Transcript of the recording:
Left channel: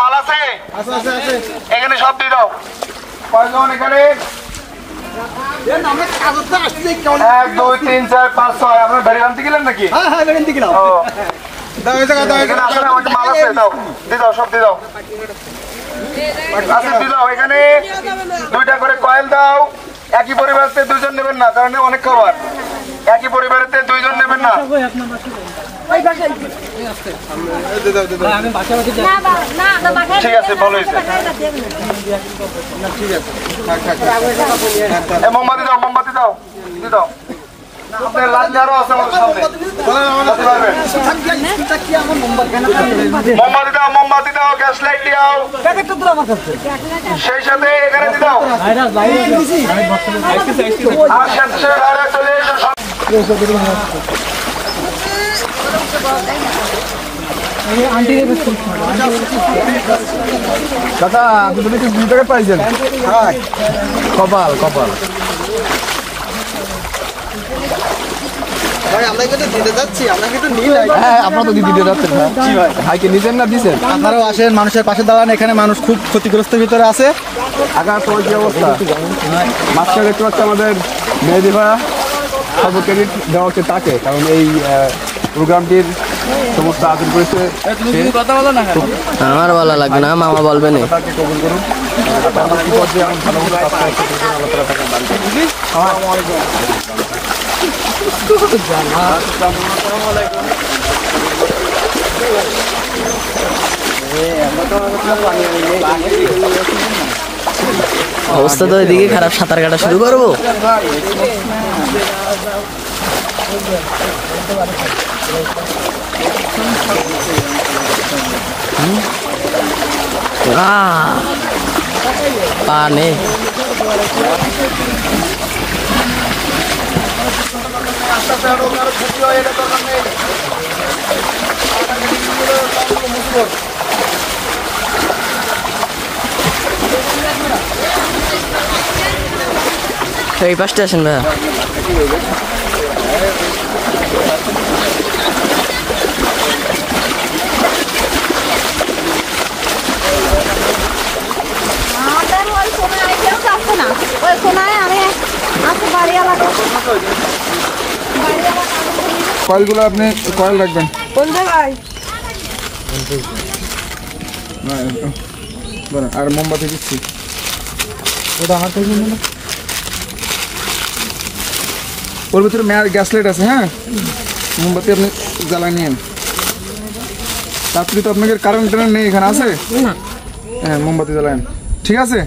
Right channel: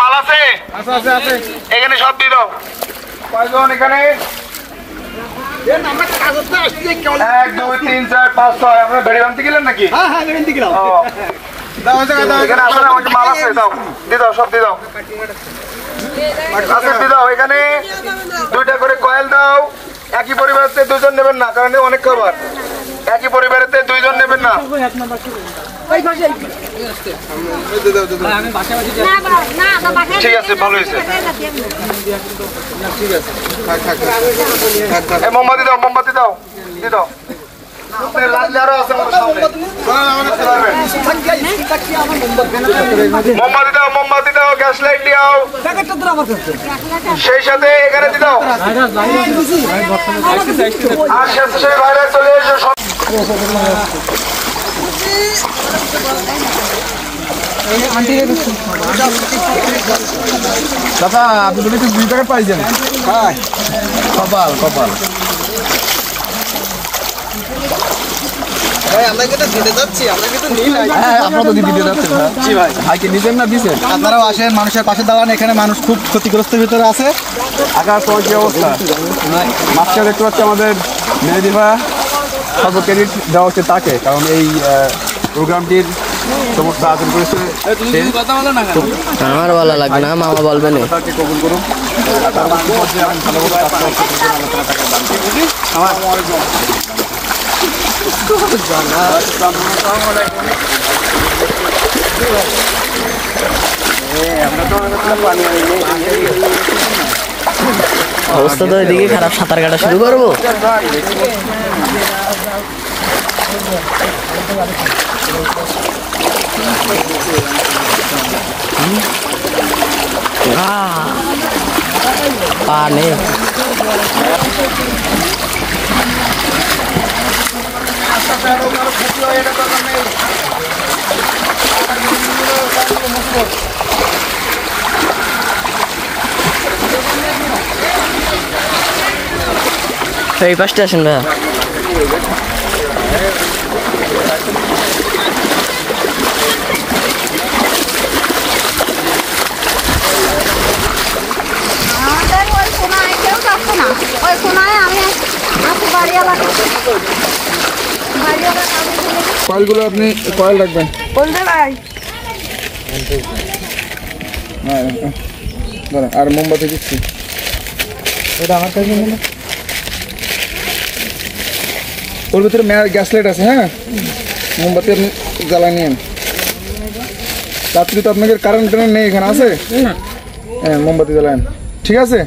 মাল আছে? আছে। এখানে সব দিয়ে দাও। কয়জন এখানে? 1 2 3 4 5 6। আপনারা গাড়ি আনতে গেলেন নাকি? হ্যাঁ গাড়ি আনতে গেলাম। দাও এখানে আসলে আমার মাল আছে, দাও দিয়ে দাও, সব দিয়ে দাও। আচ্ছা দিয়ে দাও। এখানে 2টা করে কয়েল দাও। একই পরিবারেতে 2জন নেবেন না, কারণ অনেক খাবার। একই পরিবারেতে 2জন নেবেন না। ঠিক আছে, ভালো হয়েছে। মোমবাতি দাও, মোমবাতি দাও, দিয়ে দাও। মোমবাতি দাও, গ্যাস লাইট দাও, সেই সাথে এখানে দাও। আর শেষে বাইরে চলে এসো। দাদা আপনি বলে 2 টাকা পাইছেন? কপাল কপাল। আপনারাও আসেন, মানুষের পাশে দাঁড়ান। এখানে মানুষ খুব ক্ষতিগ্রস্তের ভিতরে আছে। আকাশ তোমার কি অবস্থা? মাঝখানে দেখতে পাচ্ছি আমাদের মেহেদিভা সর্ব ক্রেডিট দেওয়া হচ্ছে তাকে, কারণ এই প্রোগ্রামটির সমস্ত আয়োজন করেছে। আমার বলা লাগবে না, মামা বলবে না। তাকে কবুল করুন। তার মধ্যে পর্যায়ে এমন ভালো ভালো কাজ করছে, আল্লাহ তাআলা তাকে দান করুন। অবস্থা তো এদিকে খারাপ, সাঁতার কাটা শুরু করবো। পানি এই পাশটা আসেন ভাইয়া। আমাদের ওই কোনায় কেউ যাচ্ছে না, ওই কোনায় আমি আছি বাড়িওয়ালা। কয়েলগুলো আপনি কয়েল রাখবেন। বলতে ভাই আর মোমবাতি দিচ্ছি। ওর ভিতরে গ্যাস লাইট আছে। হ্যাঁ, মোমবাতি আপনি জ্বালাই নিন। রাত্রি তো আপনাদের কারেন্ট নেই, এখানে আছে। হ্যাঁ, মোমবাতি জ্বালান। ঠিক আছে।